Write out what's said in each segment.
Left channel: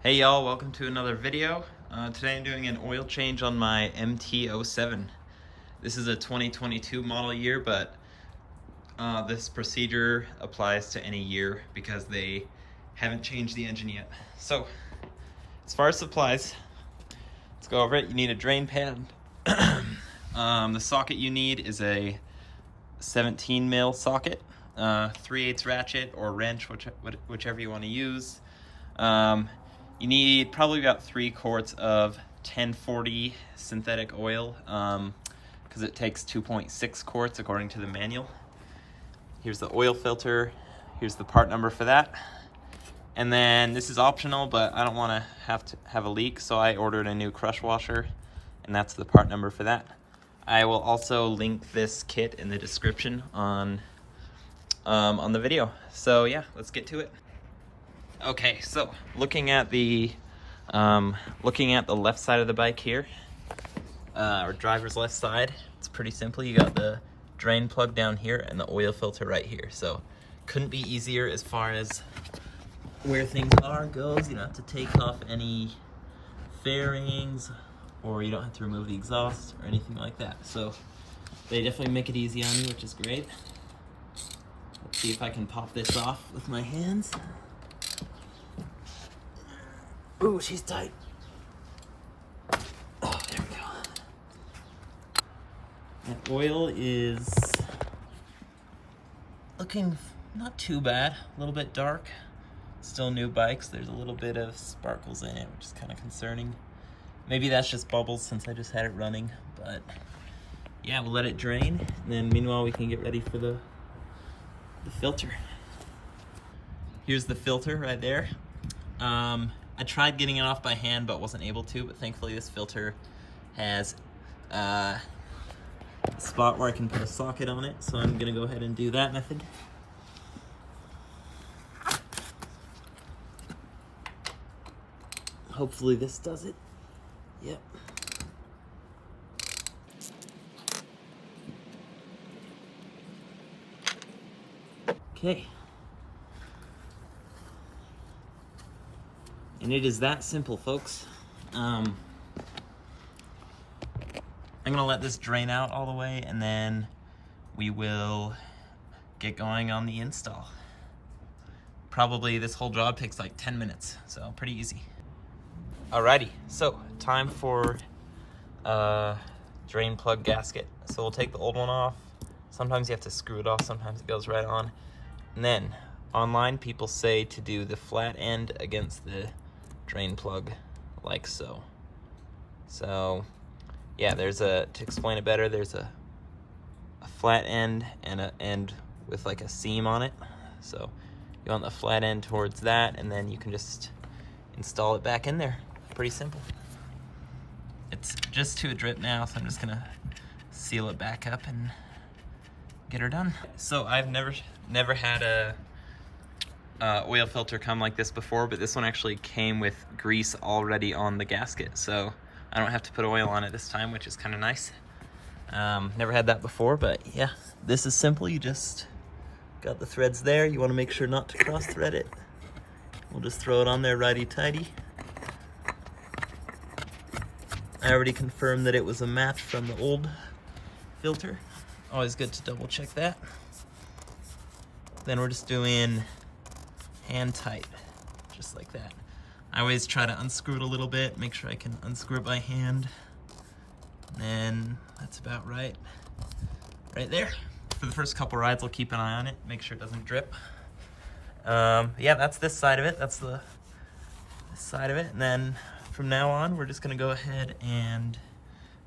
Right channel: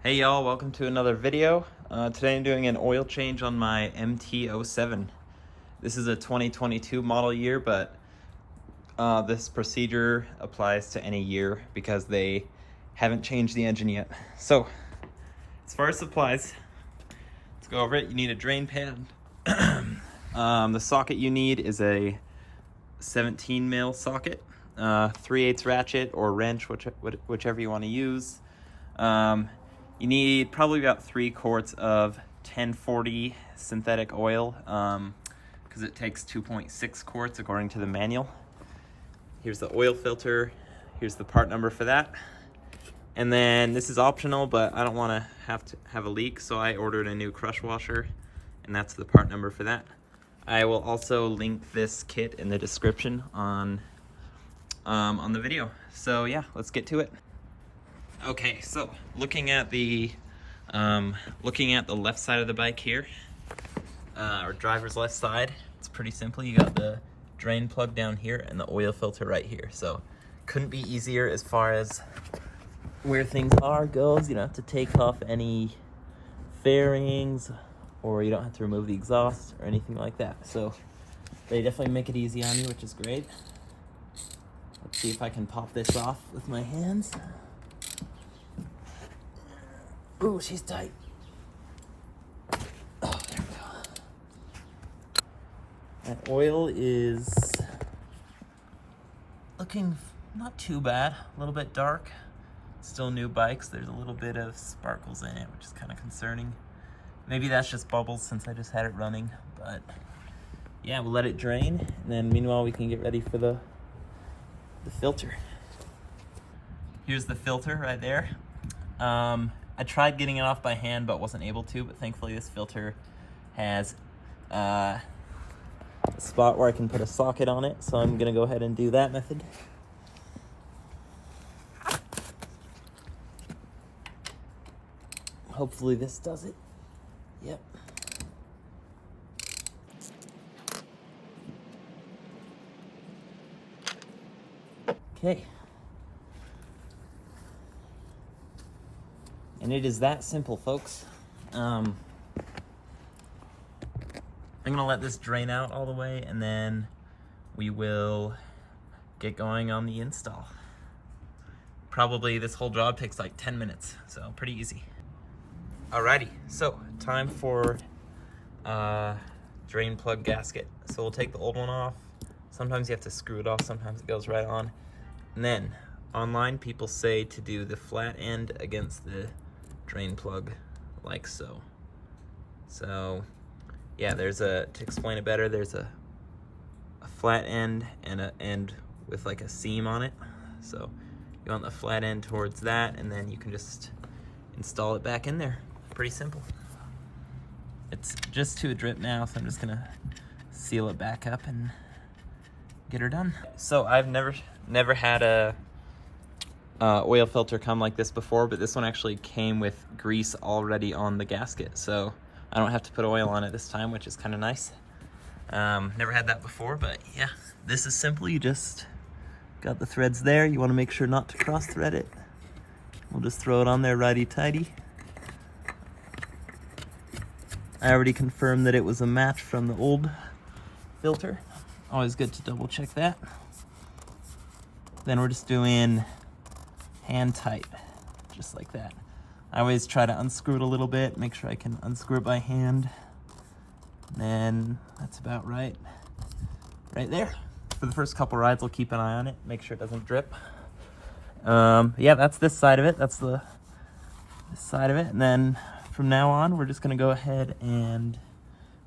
Hey y'all, welcome to another video. Today I'm doing an oil change on my MT-07. This is a 2022 model year, but this procedure applies to any year because they haven't changed the engine yet. So, as far as supplies, let's go over it. You need a drain pad. The socket you need is a 17 mil socket, 3/8 ratchet or wrench, whichever you want to use. You need probably about 3 quarts of 1040 synthetic oil because it takes 2.6 quarts according to the manual. Here's the oil filter. Here's the part number for that. And then this is optional, but I don't want to have a leak, so I ordered a new crush washer, and that's the part number for that. I will also link this kit in the description on the video. So yeah, let's get to it. Okay, so looking at the left side of the bike here, or driver's left side, it's pretty simple. You got the drain plug down here and the oil filter right here. So couldn't be easier as far as where things goes. You don't have to take off any fairings, or you don't have to remove the exhaust or anything like that. So they definitely make it easy on you, which is great. Let's see if I can pop this off with my hands. Ooh, she's tight. Oh, there we go. That oil is looking not too bad, a little bit dark. Still new bikes, there's a little bit of sparkles in it, which is kind of concerning. Maybe that's just bubbles since I just had it running, but yeah, we'll let it drain, and then meanwhile we can get ready for the filter. Here's the filter right there. I tried getting it off by hand but wasn't able to, but thankfully this filter has a spot where I can put a socket on it, so I'm gonna go ahead and do that method. Hopefully this does it. Yep. Okay. And it is that simple, folks. I'm gonna let this drain out all the way, and then we will get going on the install. Probably this whole job takes like 10 minutes, so pretty easy. Alrighty, so time for drain plug gasket. So we'll take the old one off. Sometimes you have to screw it off, sometimes it goes right on. And then online people say to do the flat end against the drain plug, like so. So yeah, to explain it better, there's a flat end and an end with like a seam on it. So you want the flat end towards that, and then you can just install it back in there. Pretty simple. It's just to a drip now, so I'm just gonna seal it back up and get her done. So I've never had a oil filter come like this before, but this one actually came with grease already on the gasket, so I don't have to put oil on it this time, which is kind of nice. Never had that before, but yeah, this is simple. You just got the threads there. You want to make sure not to cross thread it. We'll just throw it on there righty-tighty. I already confirmed that it was a match from the old filter. Always good to double check that. Then we're just doing hand tight, just like that. I always try to unscrew it a little bit, make sure I can unscrew it by hand. And then that's about right there. For the first couple rides, I'll keep an eye on it, make sure it doesn't drip. Yeah, that's this side of it. That's this side of it. And then from now on, we're just gonna go ahead and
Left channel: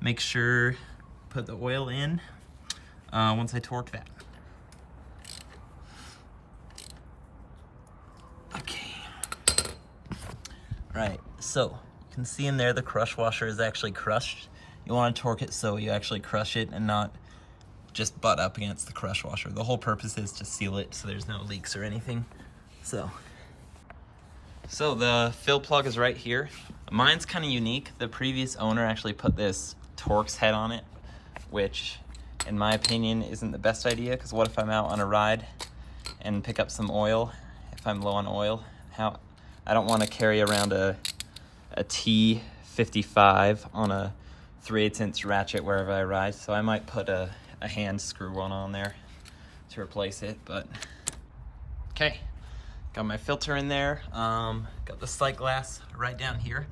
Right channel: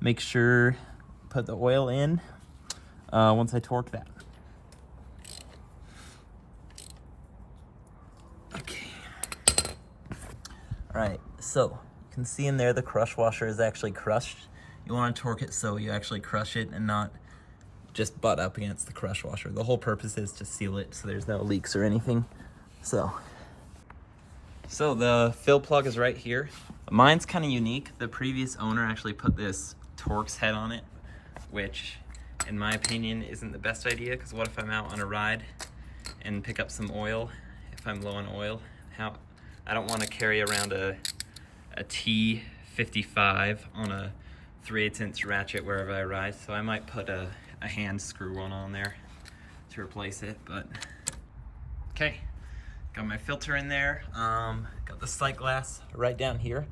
make sure, put the oil in once I torque that. Okay. All right, so you can see in there the crush washer is actually crushed. You wanna torque it so you actually crush it and not just butt up against the crush washer. The whole purpose is to seal it so there's no leaks or anything. So the fill plug is right here. Mine's kind of unique. The previous owner actually put this Torx head on it, which in my opinion isn't the best idea, because what if I'm out on a ride and pick up some oil? If I'm low on oil, I don't want to carry around a T55 on a 3/8" ratchet wherever I ride, so I might put a hand screw one on there to replace it. But okay, got my filter in there, got the sight glass right down here.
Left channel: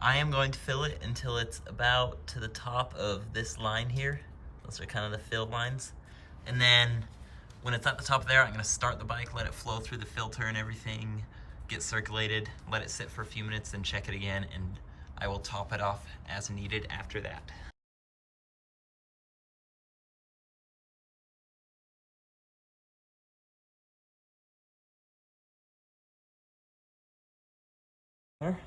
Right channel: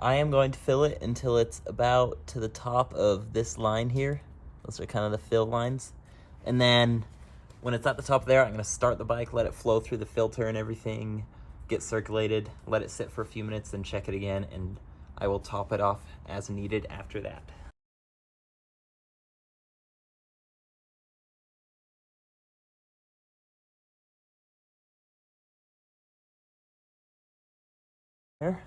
I am going to fill it until it's about to the top of this line here. Those are kind of the fill lines. And then when it's at the top there, I'm gonna start the bike, let it flow through the filter and everything, get circulated, let it sit for a few minutes, then check it again, and I will top it off as needed after that. There.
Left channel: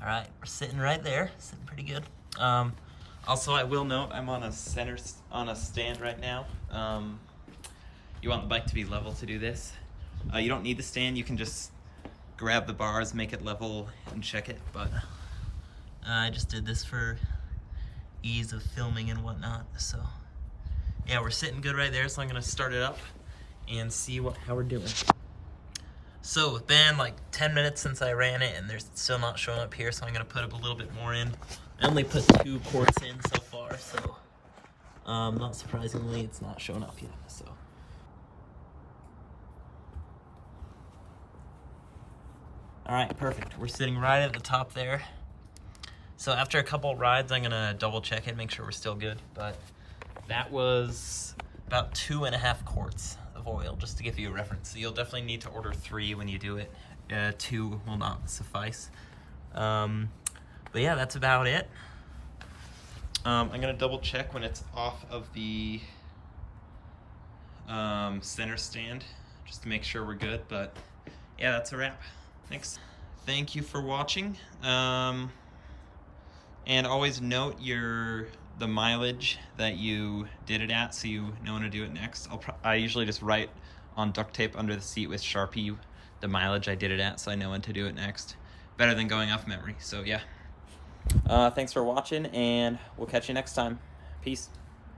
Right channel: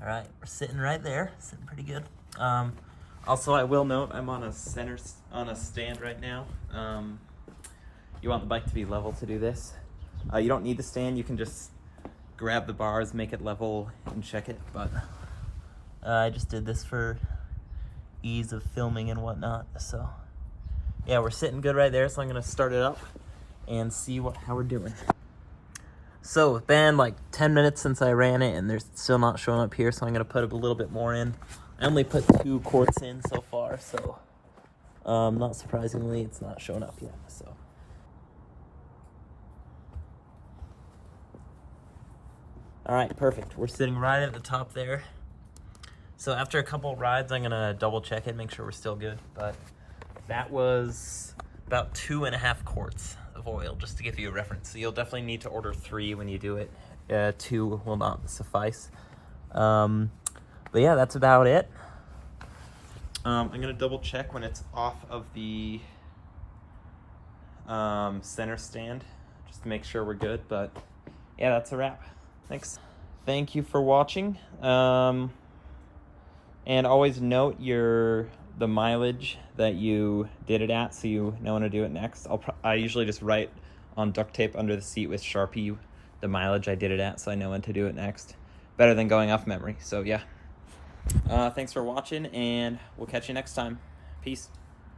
All right, we're sitting right there, sitting pretty good. Also, I will note I'm on a stand right now. You want the bike to be level to do this. You don't need the stand. You can just grab the bars, make it level, and check it. But I just did this for ease of filming and whatnot. So yeah, we're sitting good right there. So I'm gonna start it up and see how we're doing. So it's been like 10 minutes since I ran it, and they're still not showing up here, so I'm gonna put a little bit more in. I only put 2 quarts in so far, so not surprisingly, it's not showing up yet. So all right, perfect. We're sitting right at the top there. So after a couple rides, I'm gonna double check it, make sure we're still good. But that was about 2.5 quarts of oil, just to give you a reference. So you'll definitely need to order 3 when you do it. 2 will not suffice. But yeah, that's about it. I'm gonna double check when it's off of the center stand, just to make sure we're good. But yeah, that's a wrap. Thanks. Thank you for watching. And always note the mileage that you did it at, so you know when to do it next. I usually just write on duct tape under the seat with Sharpie the mileage I did it at, so I know when to do it next. Better than going off memory. So yeah. Thanks for watching, and we'll catch you next time. Peace.